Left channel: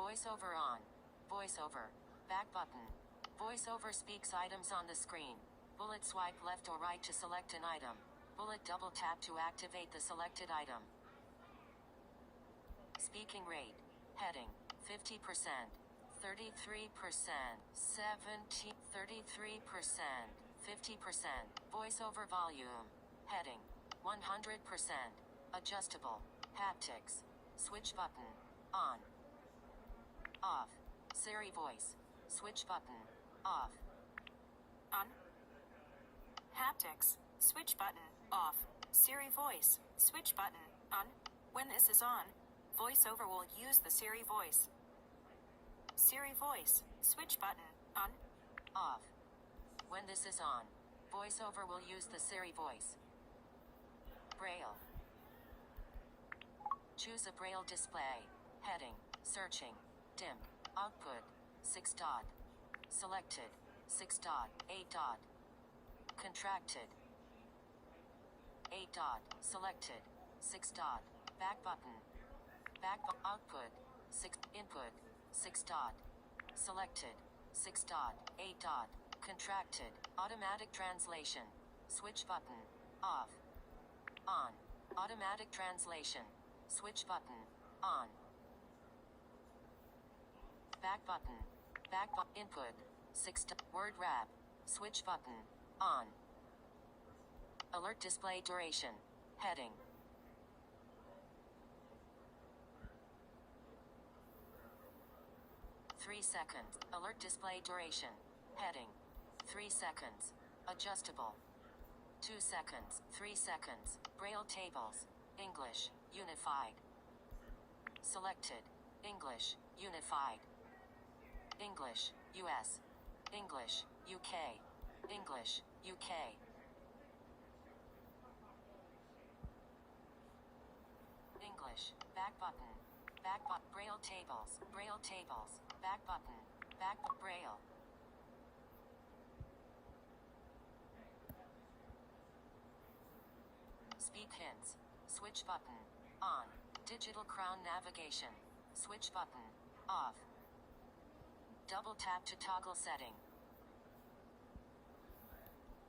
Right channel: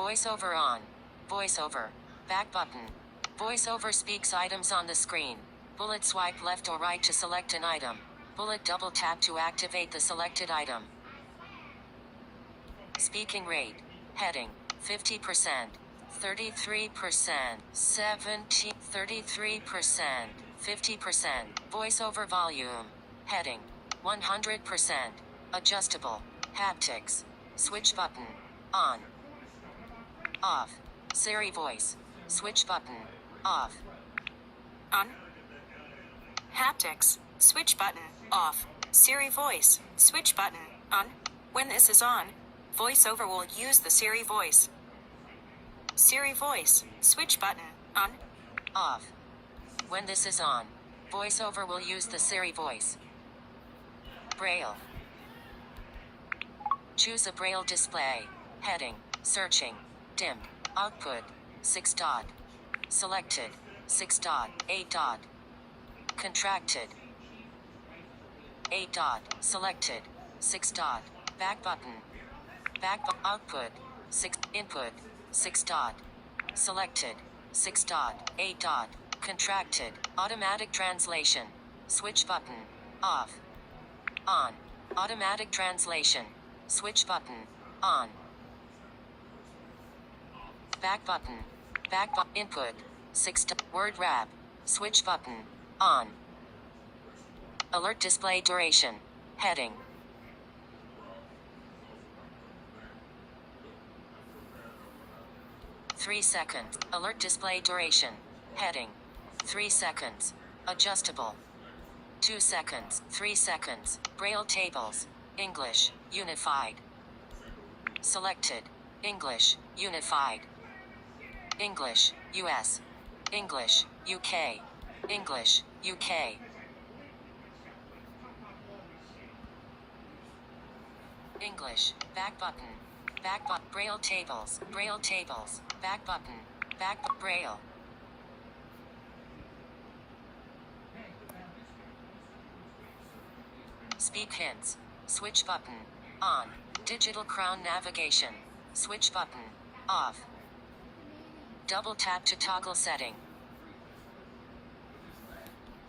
Voiceover on. Voiceover. Back button. Voiceover speaks items on the screen. Bullet swipe left or right to select an item. Bullet double tap to activate the selected item. Speaking rate. Heading. 50%. 33%. 70. 33%. 50%. Voiceover volume. Heading. 100%. Adjustable. Haptics. Switch button. On. Off. Siri voice. Switch button. Off. On. Haptics. Switch button. Off. Siri voice. Switch button. On. When this is on, VoiceOver will use the Siri voice. Siri voice. Switch button. On. Off. When this is on, VoiceOver will use the Siri voice. Braille. Choose a Braille display. Heading. Searching. Dim. Output. 6 dot. Selected. 6 dot. 8 dot. Contracted. 8 dot. Selected. 6 dot. Back button. Output. 6. Input. 6 dot. Selected. 6 dot. 8 dot. Contracted. Automatic translation. Switch button. Off. On. Automatic translation. Switch button. On. Back button. Input. 6 dot. Word wrap. Switch button. On. Alert display duration. Heading. Three seconds. Alert display duration. Heading. 3 seconds. Adjustable. 2 seconds. 3 seconds. Braille tables. English. Unified. Selected. English. Unified. English. US. English. UK. English. UK. English. Back button. Braille tables. Braille tables. Back button. Braille. Speak hints. Switch button. On. Digital crown navigation. Switch button. Off. Double tap to toggle setting.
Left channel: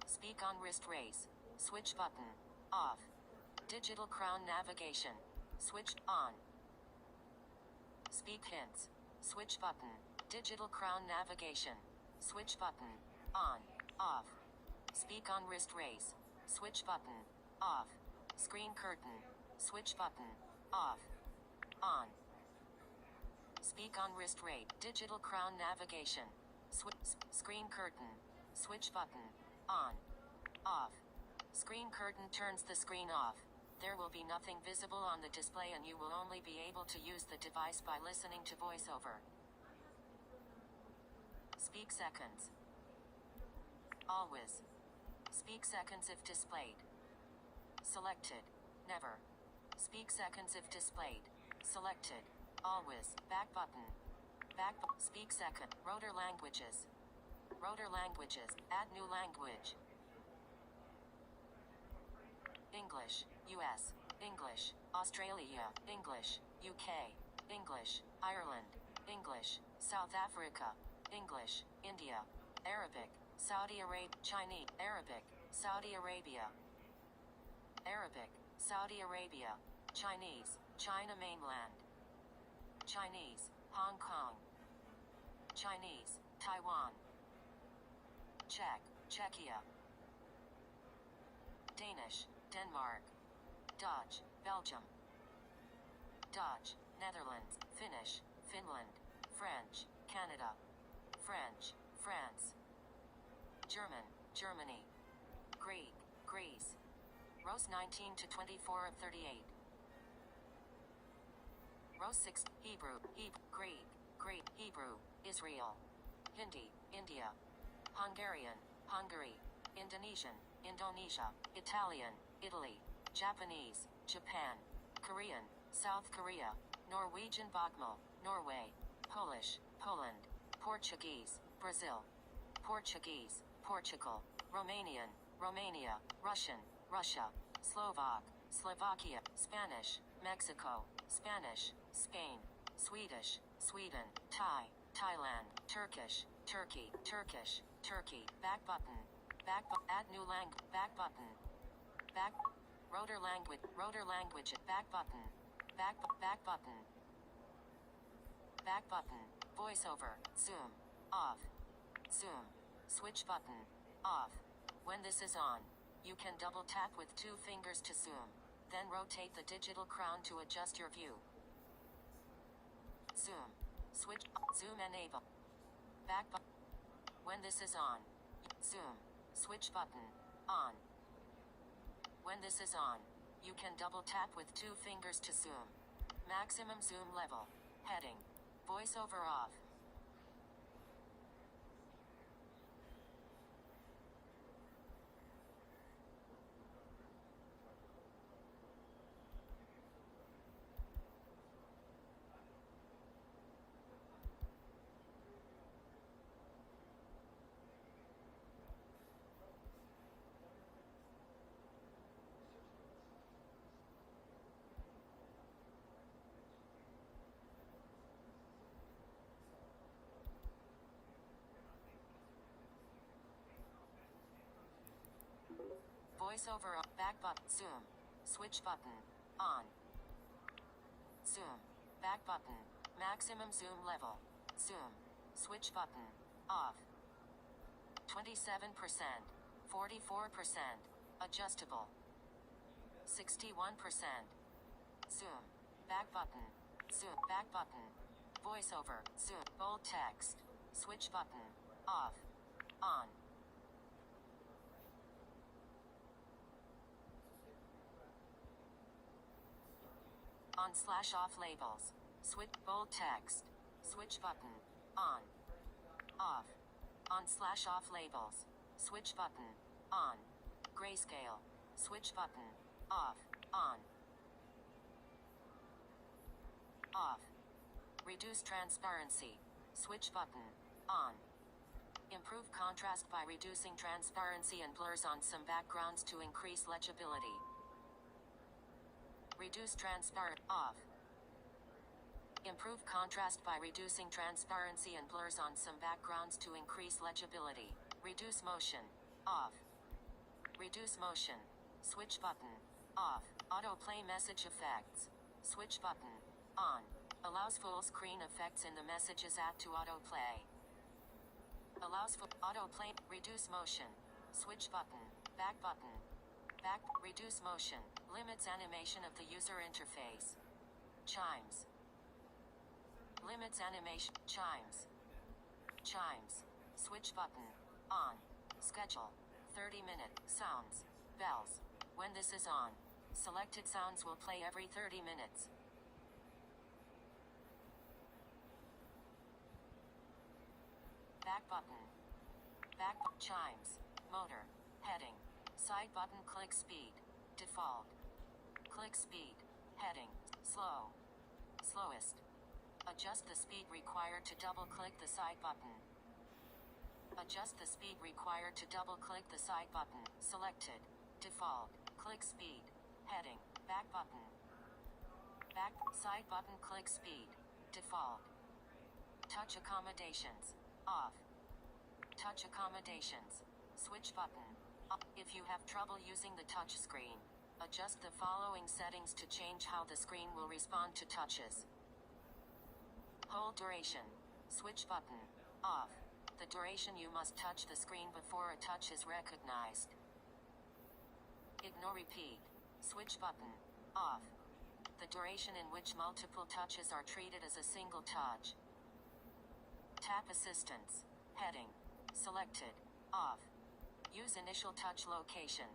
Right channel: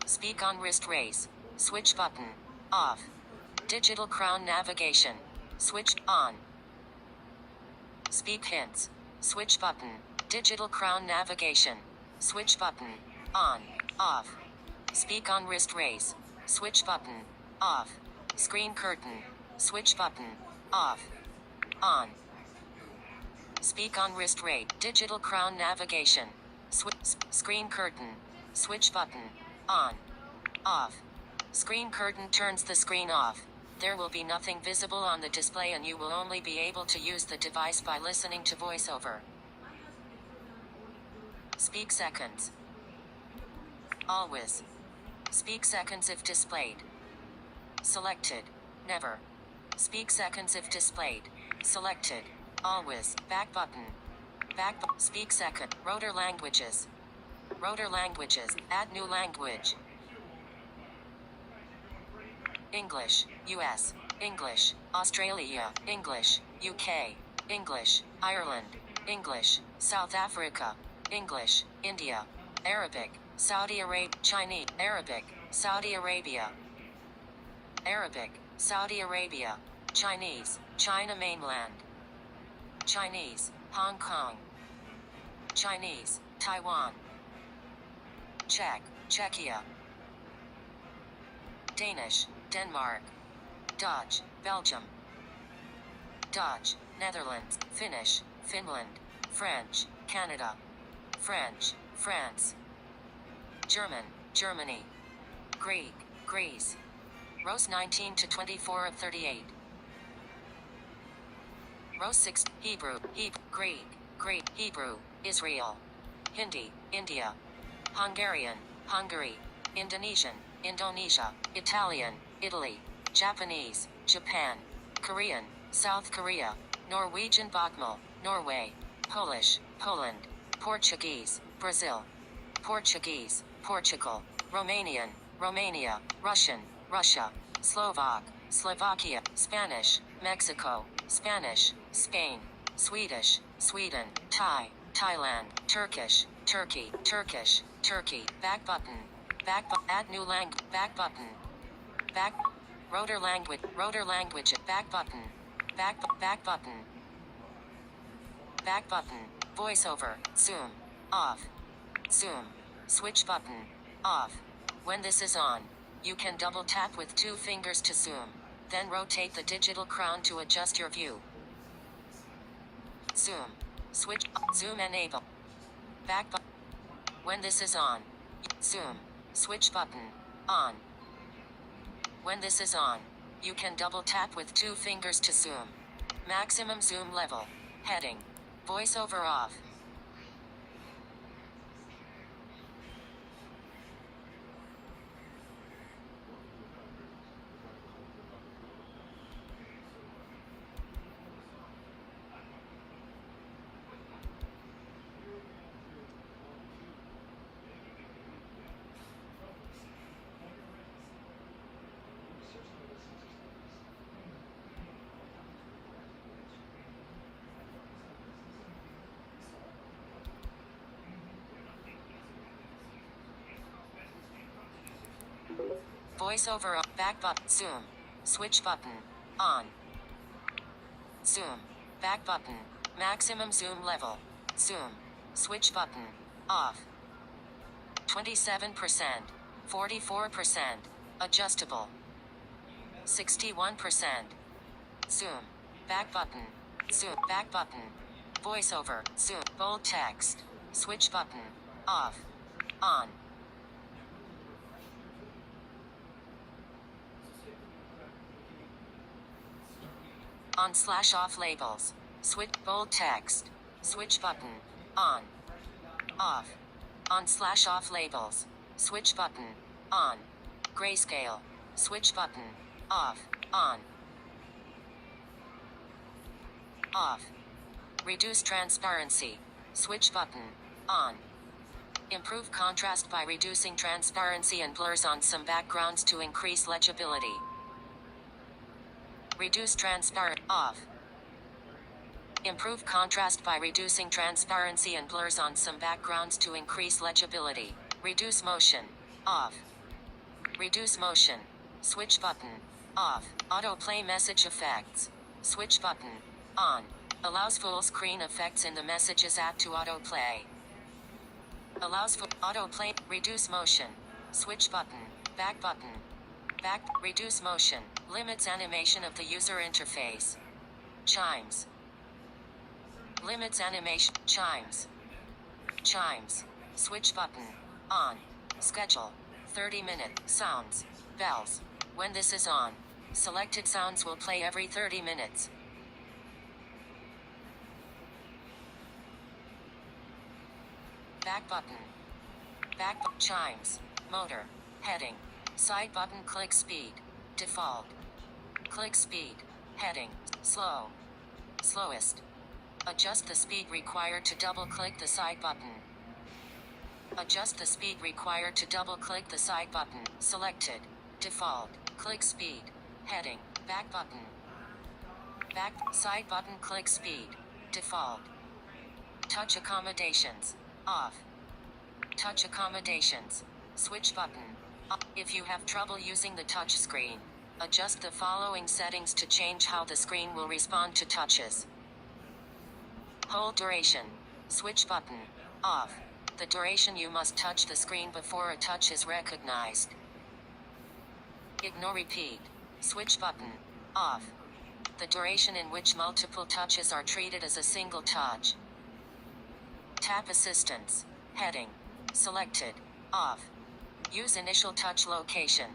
Speak on wrist raise. Switch button. Off. Digital crown navigation. Switch on. Speak hints. Switch button. Digital crown navigation. Switch button. On. Off. Speak on wrist raise. Switch button. Off. Screen curtain. Switch button. Off. On. Speak on wrist raise. Digital crown navigation. Screen curtain. Switch button. On. Off. Screen curtain turns the screen off. There will be nothing visible on the display and you will only be able to use the device by listening to VoiceOver. Speak seconds. Always. Speak seconds if displayed. Selected. Never. Speak seconds if displayed. Selected. Always. Back button. Speak second. Rotor languages. Rotor languages. Add new language. English. US. English. Australia. English. UK. English. Ireland. English. South Africa. English. India. Arabic. Saudi Arabia. Chinese. Arabic. Saudi Arabia. Arabic. Saudi Arabia. Chinese. China mainland. Chinese. Hong Kong. Chinese. Taiwan. Czech. Czechia. Danish. Denmark. Dutch. Belgium. Dutch. Netherlands. Finnish. Finland. French. Canada. French. France. German. Germany. Greek. Greece. Rows 19 to 24 of 38. Row 6. Hebrew. Greek. Greek. Hebrew. Israel. Hindi. India. Hungarian. Hungary. Indonesian. Indonesia. Italian. Italy. Japanese. Japan. Korean. South Korea. Norwegian Bokmål. Norway. Polish. Poland. Portuguese. Brazil. Portuguese. Portugal. Romanian. Romania. Russian. Russia. Slovak. Slovakia. Spanish. Mexico. Spanish. Spain. Swedish, Sweden, Thai, Thailand, Turkish, Turkey, Turkish, Turkey, back button, add new language, back button, back, rotor language, back button, back button, back button, voiceover, zoom, off, zoom, switch button, off. When this is on, you can double tap with 2 fingers to zoom, then rotate the digital crown to adjust your view. Zoom, switch, zoom enable, back button. When this is on, zoom, switch button, on. When this is on, you can double tap with 2 fingers to zoom. Maximum zoom level, heading, voiceover off. Voiceover up, back button, zoom, switch button, on. Zoom, back button, maximum zoom level, zoom, switch button, off. 27%, 44%, adjustable. 61%. Zoom, back button, zoom, back button, voiceover, zoom, bold text, switch button, off, on. On/off labels. Switch bold text. Switch button. On. Off. On/off labels. Switch button. On. Grayscale. Switch button. Off. On. Off. Reduce transparency. Switch button. On. Improve contrast by reducing transparency and blurs on some backgrounds to increase legibility. Reduce transparent, off. Improve contrast by reducing transparency and blurs on some backgrounds to increase legibility. Reduce motion, off. Reduce motion, switch button, off. Autoplay message effects, switch button, on. Allows full screen effects in the Messages app to autoplay. Allows for autoplay, reduce motion, switch button, back button. Back, reduce motion, limits animation of the user interface. Chimes. Limits animation, chimes. Chimes. Switch button, on. Schedule. 30-minute, sounds, bells. When this is on, selected sounds will play every 30 minutes. Back button. Back, chimes, motor, heading. Side button, click speed, default. Click speed, heading, slow, slowest. Adjust the speed required to double click the side button. Adjust the speed required to double click the side button, selected, default. Click speed, heading, back button. Back, side button, click speed, default. Touch accommodations, off. Touch accommodations, switch button. If you have trouble using the touch screen, adjust the following settings to change how the screen will respond to touches. Hold duration. Switch button. Off. The duration you must touch the screen before a touch is recognized. Ignore repeat. Switch button. Off. The duration in which multiple touches are treated as a single touch. Tap assistance. Heading. Selected. Off. Use initial touch location.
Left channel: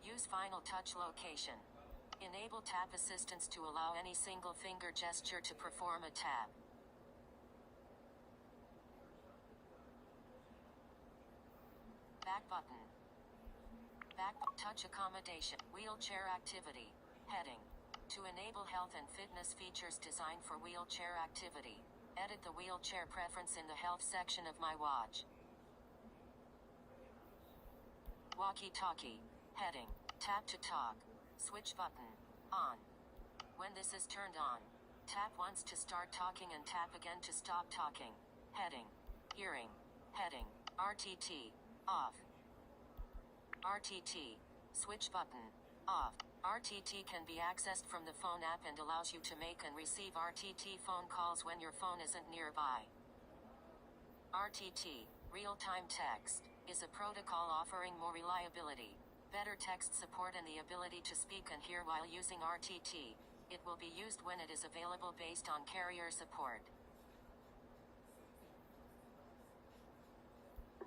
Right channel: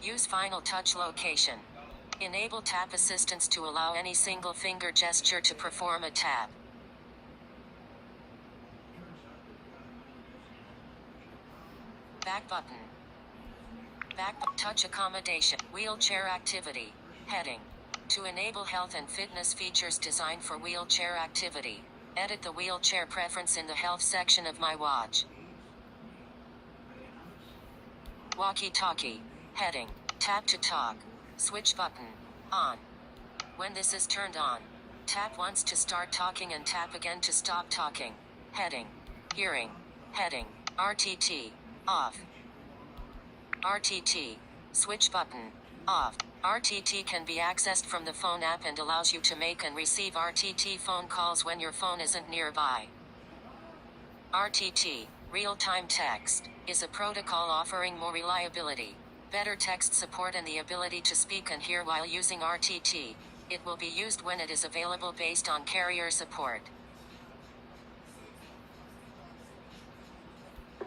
Use final touch location. Enable tap assistance to allow any single finger gesture to perform a tap. Back button. Back touch accommodation. Wheelchair activity. Heading. To enable health and fitness features designed for wheelchair activity, edit the wheelchair preference in the health section of My Watch. Walkie-talkie. Heading. Tap to talk. Switch button. On. When this is turned on, Tap once to start talking and tap again to stop talking. Heading. Hearing. Heading. RTT. Off. RTT. Switch button. Off. RTT can be accessed from the phone app and allows you to make and receive RTT phone calls when your phone isn't nearby. RTT, real-time text, is a protocol offering more reliability, better text support and the ability to speak and hear while using RTT. It will be used when it is available based on carrier support.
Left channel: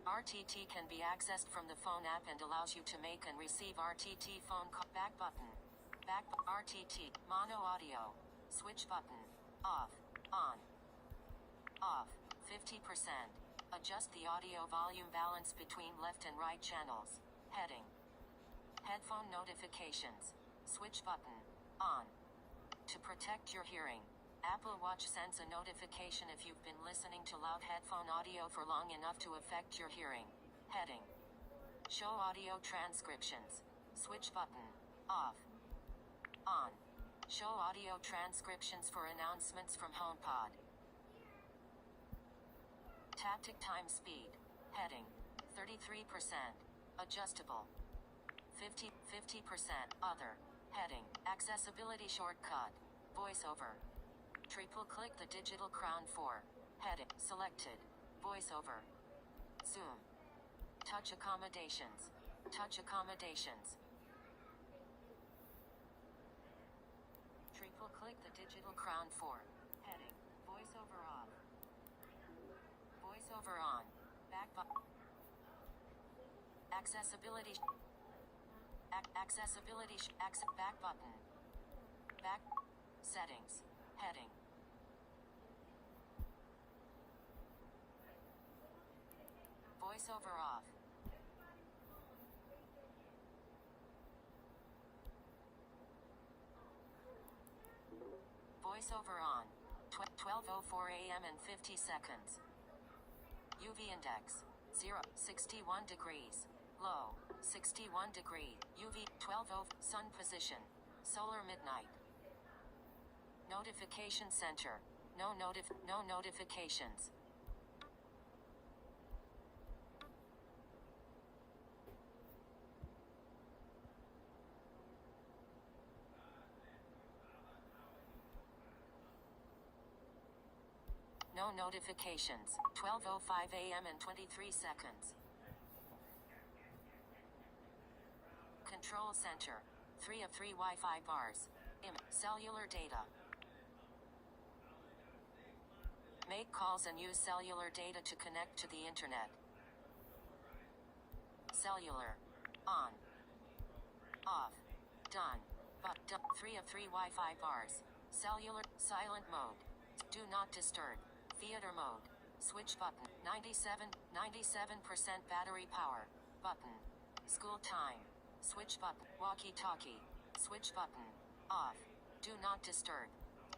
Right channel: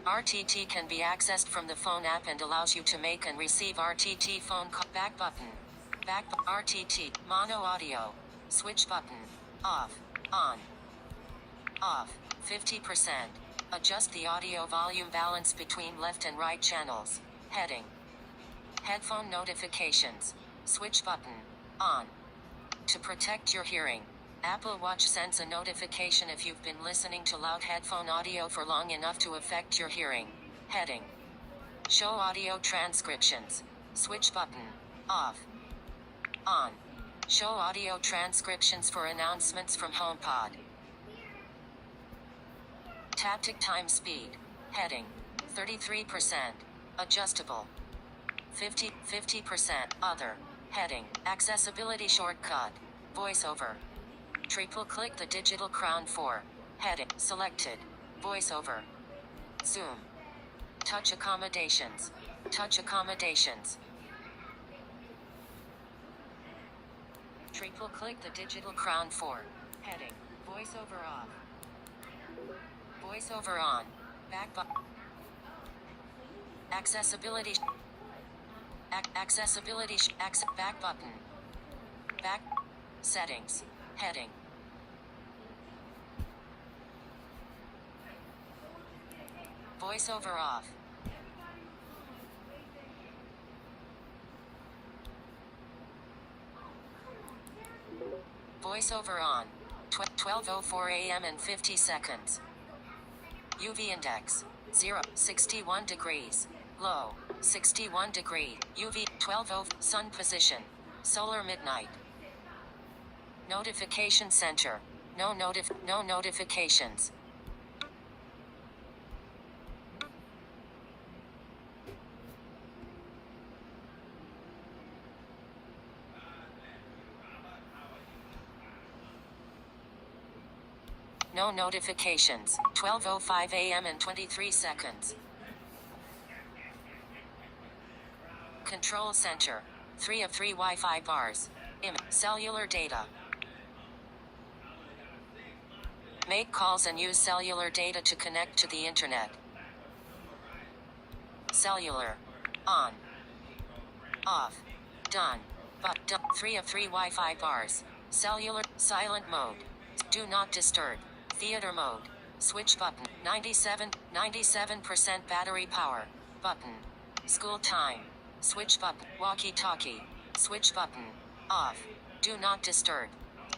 RTT can be accessed from the phone app and allows you to make and receive RTT phone call. Back button. RTT. Mono audio. Switch button. Off. On. Off. 50%. Adjust the audio volume balance between left and right channels. Heading. Headphone notifications. Switch button. On. To protect your hearing, Apple Watch sends a notification if you've been listening to loud headphone audio for long enough to affect your hearing. Heading. Show audio transcriptions. Switch button. Off. On. Show audio transcriptions for announcements from HomePod. Taptic time speed. Heading. 33%. Adjustable. 50% other. Heading. Accessibility shortcut. VoiceOver. Triple click the digital crown 4. Heading. Selected. VoiceOver. Zoom. Touch accommodations. Touch accommodations. Triple click the digital crown 4. Heading. VoiceOver off. VoiceOver on. Back button. Accessibility. Accessibility. Back button. Back. Settings. Heading. VoiceOver off. VoiceOver on. 12:04 a.m. and 50 seconds. UV index. 0. 61 degrees. Low. 61 degree. UV. 12:00. Sun position. Solar midnight. Notification center. No notifications. No notifications. 12:05 a.m. and 23 seconds. Control center. 3 of 3 Wi-Fi bars. Cellular data. Make calls and use cellular data to connect to the internet. Cellular. On. Off. Done. But 3 of 3 Wi-Fi bars. Cellular. Silent mode. Do not disturb. Theater mode. Switch button. 97% battery power. Button. School time. Switch button. Walkie-talkie. Switch button. Off. Do not disturb.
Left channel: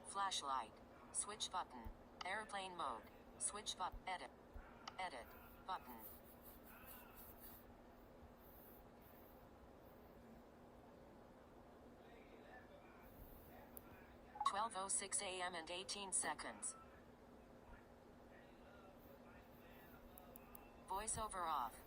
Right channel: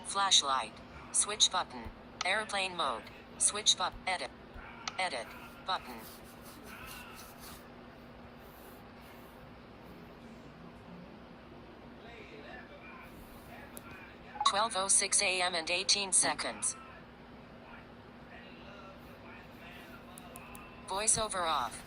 Flashlight. Switch button. Airplane mode. Switch button. Edit. Edit. Button. (12:06 a.m. and 18 seconds). VoiceOver off.